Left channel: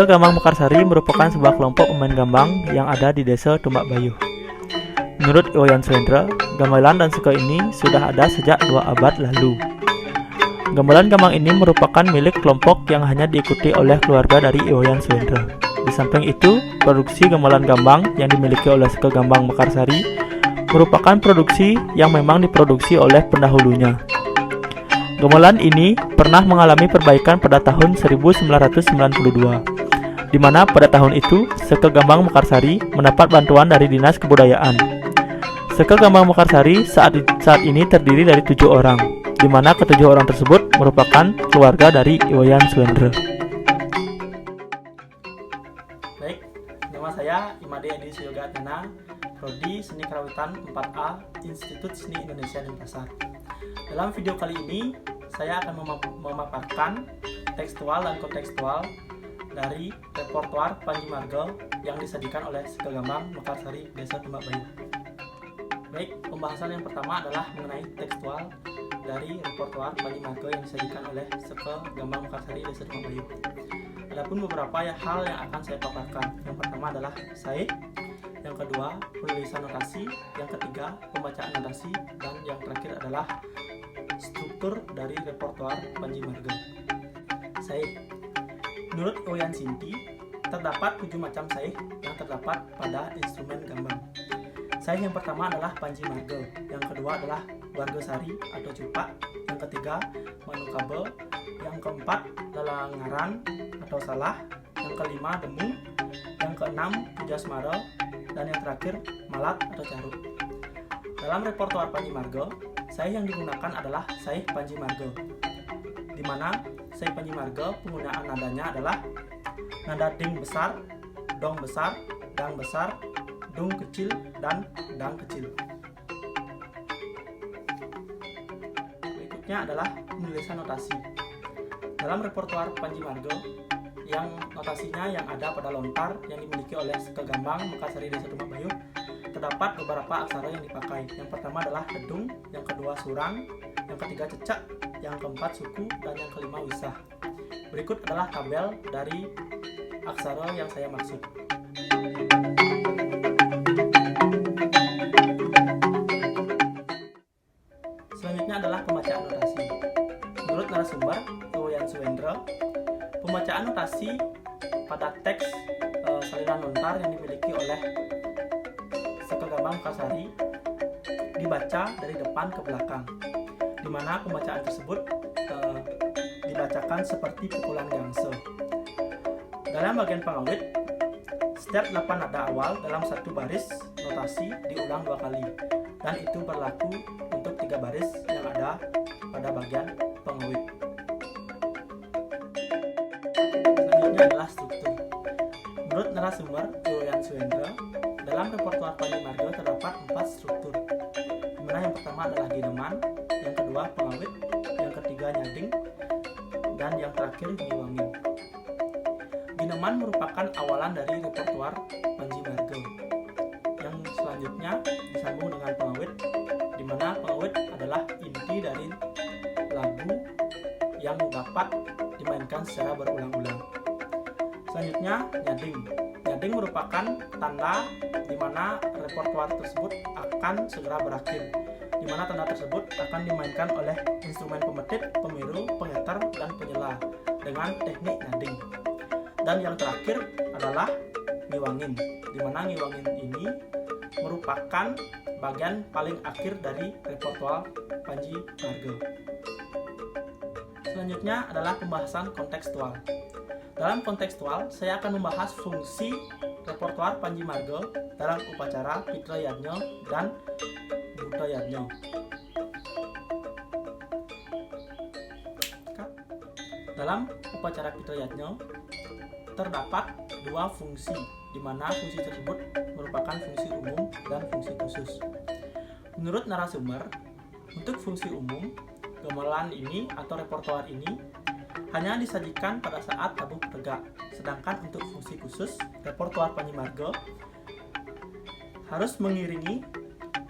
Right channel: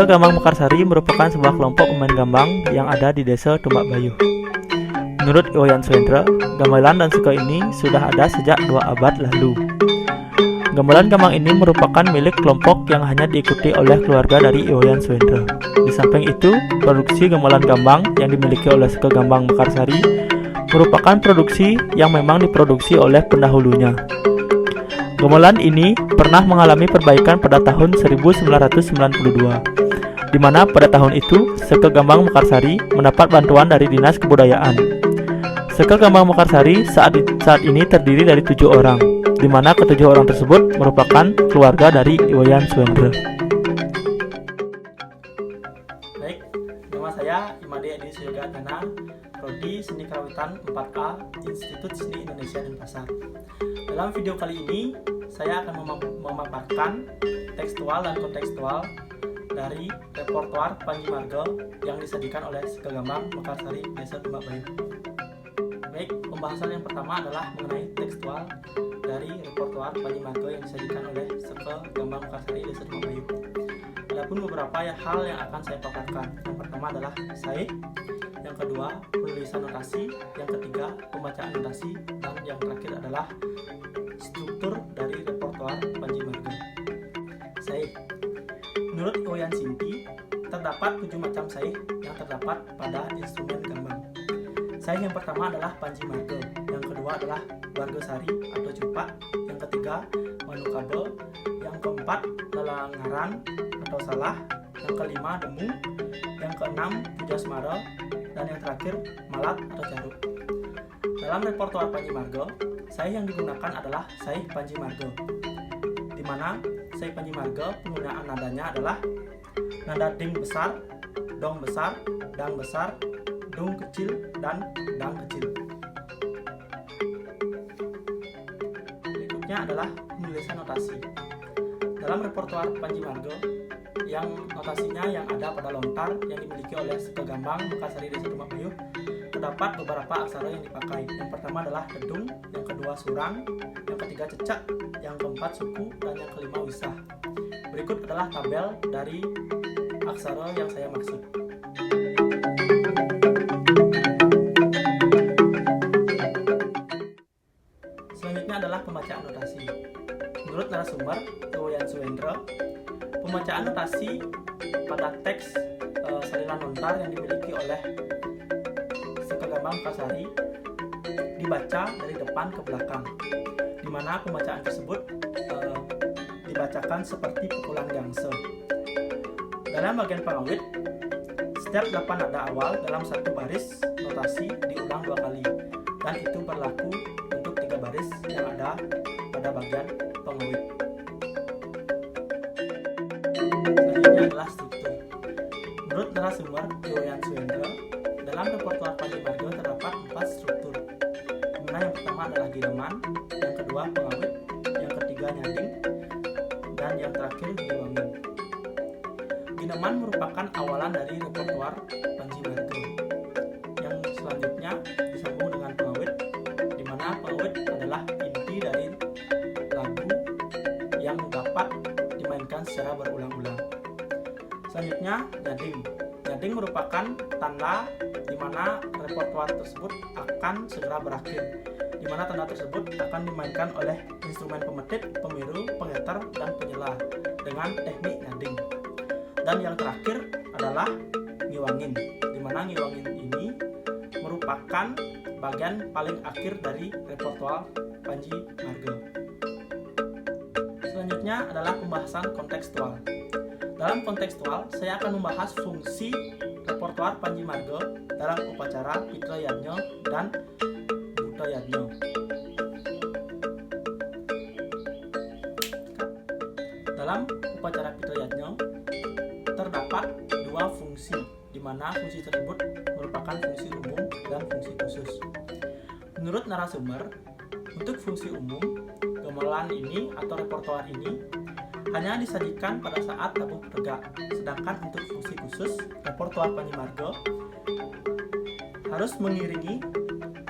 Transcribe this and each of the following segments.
Seke Gambang Mekarsari merupakan sebuah kelompok pemain gambang yang ada di Desa Tumbak Bayuh. Menurut Iwayan Suendra, gamelan dan seke ini sudah ada sejak 2 abad lalu. Gamelan gambang ini merupakan milik kelompok yang hanya diikuti oleh keluarga dari Iwayan Suendra. Di samping itu, produksi gamelan gambang yang dimiliki oleh Seke Gambang Mekarsari merupakan produksi yang memang diproduksi oleh pendahulunya. Gamelan ini pernah mengalami perbaikan pada tahun 1992, di mana pada tahun itu Seke Gambang Mekarsari mendapat bantuan dari Dinas Kebudayaan. Seke Gambang Mekarsari saat ini terdiri dari 7 orang, di mana ke-7 orang tersebut merupakan keluarga dari Iwayan Suendra. Baik, nama saya Imade Edi Suyogatana, Prodi Seni Karawitan 4A, Institut Seni Indonesia Denpasar. Dalam video kali ini, saya akan memaparkan tekstual dan kontekstual dari repertoar Panji Marga yang disajikan oleh Seke Gambang Mekarsari Desa Tumbak Bayuh. Baik, pembahasan yang pertama adalah mengenai tekstual dari repertoar Panji Marga yang disajikan oleh Seke Gambang Mekarsari Desa Tumbak Bayuh. Adapun beberapa hal yang akan saya paparkan. Yang pertama adalah saih, yang kedua penulisan notasi, yang ketiga pembacaan notasi, dan yang terakhir adalah struktur dari repertoar Panji Marga. Saih. Menurut Iwayan Sinti, terdapat 7 macam saih yang terdapat pada instrumen gambang. Saih yang pertama adalah Panji Marga, yang kedua adalah Wargasari atau Cupak, yang ketiga Manukabe, yang keempat Lelangaran atau Salah, yang kelima Demung, yang keenam Pujasmara, dan yang terakhir Malat atau Caruk. Dalam repertoar Panji Marga, saih yang digunakan adalah saih Panji Marga, di mana saih Panji Marga penggunaan nadanya adalah nada ding besar, dong besar, dang besar, dung kecil, dan dang kecil. Berikutnya adalah penulisan notasi. Dalam repertoar Panji Marga, yang notasinya yang ada pada lontar yang dimiliki oleh Seke Gambang Mekarsari Desa Tumbak Bayuh, terdapat beberapa aksara yang dipakai. Yang pertama adalah dedung, yang kedua surang, yang ketiga cecak, yang keempat suku, dan yang kelima wisah. Berikut adalah tabel dari aksara yang saya maksud. Selanjutnya adalah pembacaan notasi. Menurut narasumber Iwayan Suendra, pembacaan notasi pada teks salinan lontar yang dimiliki oleh Seke Gambang Mekarsari dibaca dari depan ke belakang, di mana pembacaan tersebut dibacakan seperti pukulan gangse. Dalam bagian pengawit, setiap 8 nada awal dalam satu baris notasi diulang 2 kali, dan itu berlaku untuk 3 baris yang ada pada bagian pengawit. Selanjutnya adalah struktur. Menurut narasumber Iwayan Suendra, dalam repertoar Panji Marga terdapat 4 struktur, di mana yang pertama adalah gineman, yang kedua pengawit, yang ketiga nyading, dan yang terakhir ngiwangin. Gineman merupakan awalan dari repertoar Panji Marga. Yang selanjutnya disambung dengan pengawit, di mana pengawit adalah inti dari lagu yang dapat dimainkan secara berulang-ulang. Selanjutnya nyading. Nyading merupakan tanda di mana repertoar tersebut akan segera berakhir, di mana tanda tersebut akan dimainkan oleh instrumen pemetik, pemiru, pengeter, dan penyela dengan teknik nyading. Dan yang terakhir adalah ngiwangin, di mana ngiwangin ini merupakan bagian paling akhir dari repertoar Panji Marga. Selanjutnya adalah pembahasan kontekstual. Dalam kontekstual, saya akan membahas fungsi repertoar Panji Marga dalam upacara Pitra Yadnya dan Buta Yadnya. Dalam upacara Pitra Yadnya terdapat 2 fungsi, di mana fungsi tersebut merupakan fungsi umum dan fungsi khusus. Menurut narasumber, untuk fungsi umum, gamelan ini atau repertoar ini hanya disajikan pada saat tabuh tegak, sedangkan untuk fungsi khusus, repertoar Panji Marga harus mengiringi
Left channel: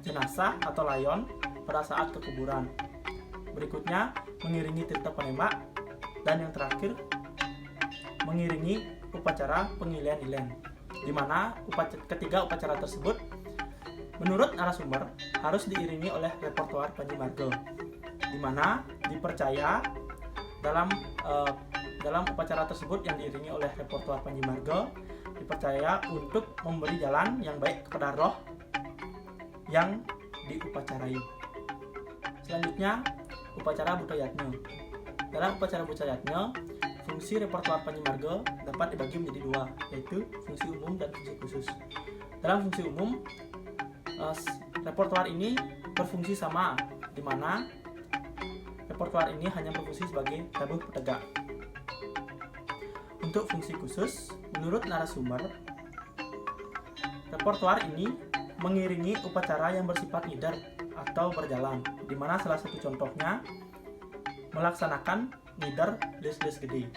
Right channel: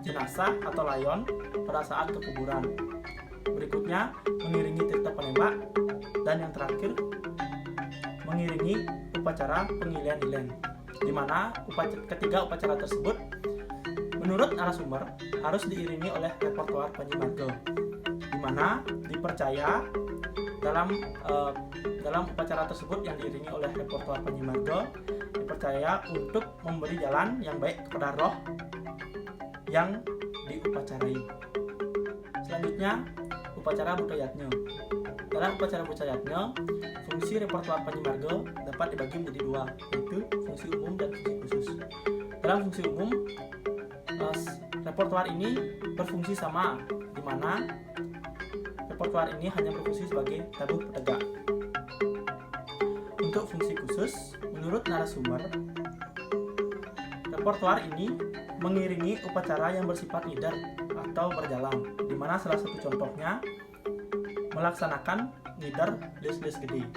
jenazah atau layon pada saat kekuburan. Berikutnya mengiringi tirta penembak, dan yang terakhir mengiringi upacara pengilihan Ilen, di mana ketiga upacara tersebut menurut narasumber harus diiringi oleh repertoar Panji Marga, di mana dipercaya dalam upacara tersebut yang diiringi oleh repertoar Panji Marga dipercaya untuk memberi jalan yang baik kepada roh yang diupacarai. Selanjutnya, upacara Buddhayatna. Dalam upacara Buddhayatna, fungsi repertoar Panji Marga dapat dibagi menjadi dua, yaitu fungsi umum dan fungsi khusus. Dalam fungsi umum, repertoar ini berfungsi sama, di mana repertoar ini hanya berfungsi sebagai tabuh petegak. Untuk fungsi khusus, menurut narasumber, repertoar ini mengiringi upacara yang bersifat nidar atau berjalan, di mana salah satu contohnya melaksanakan nidar des-des gede.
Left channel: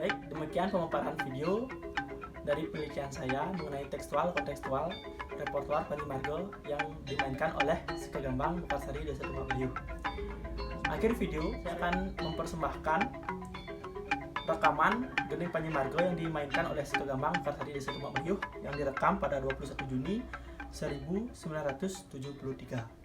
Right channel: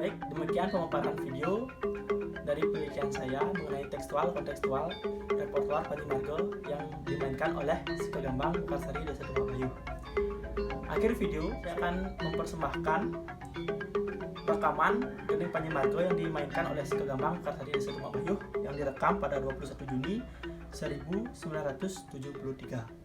Baik, demikian pemaparan video dari penelitian saya mengenai tekstual-kontekstual repertoar Panji Marga yang dimainkan oleh Sekegambang Mekarsari Desa Tumak Bayuh. Akhir video, saya akan mempersembahkan rekaman Gending Panji Marga yang dimainkan oleh Sekegambang Mekarsari Desa Tumak Bayuh yang direkam pada 21 Juni 1973.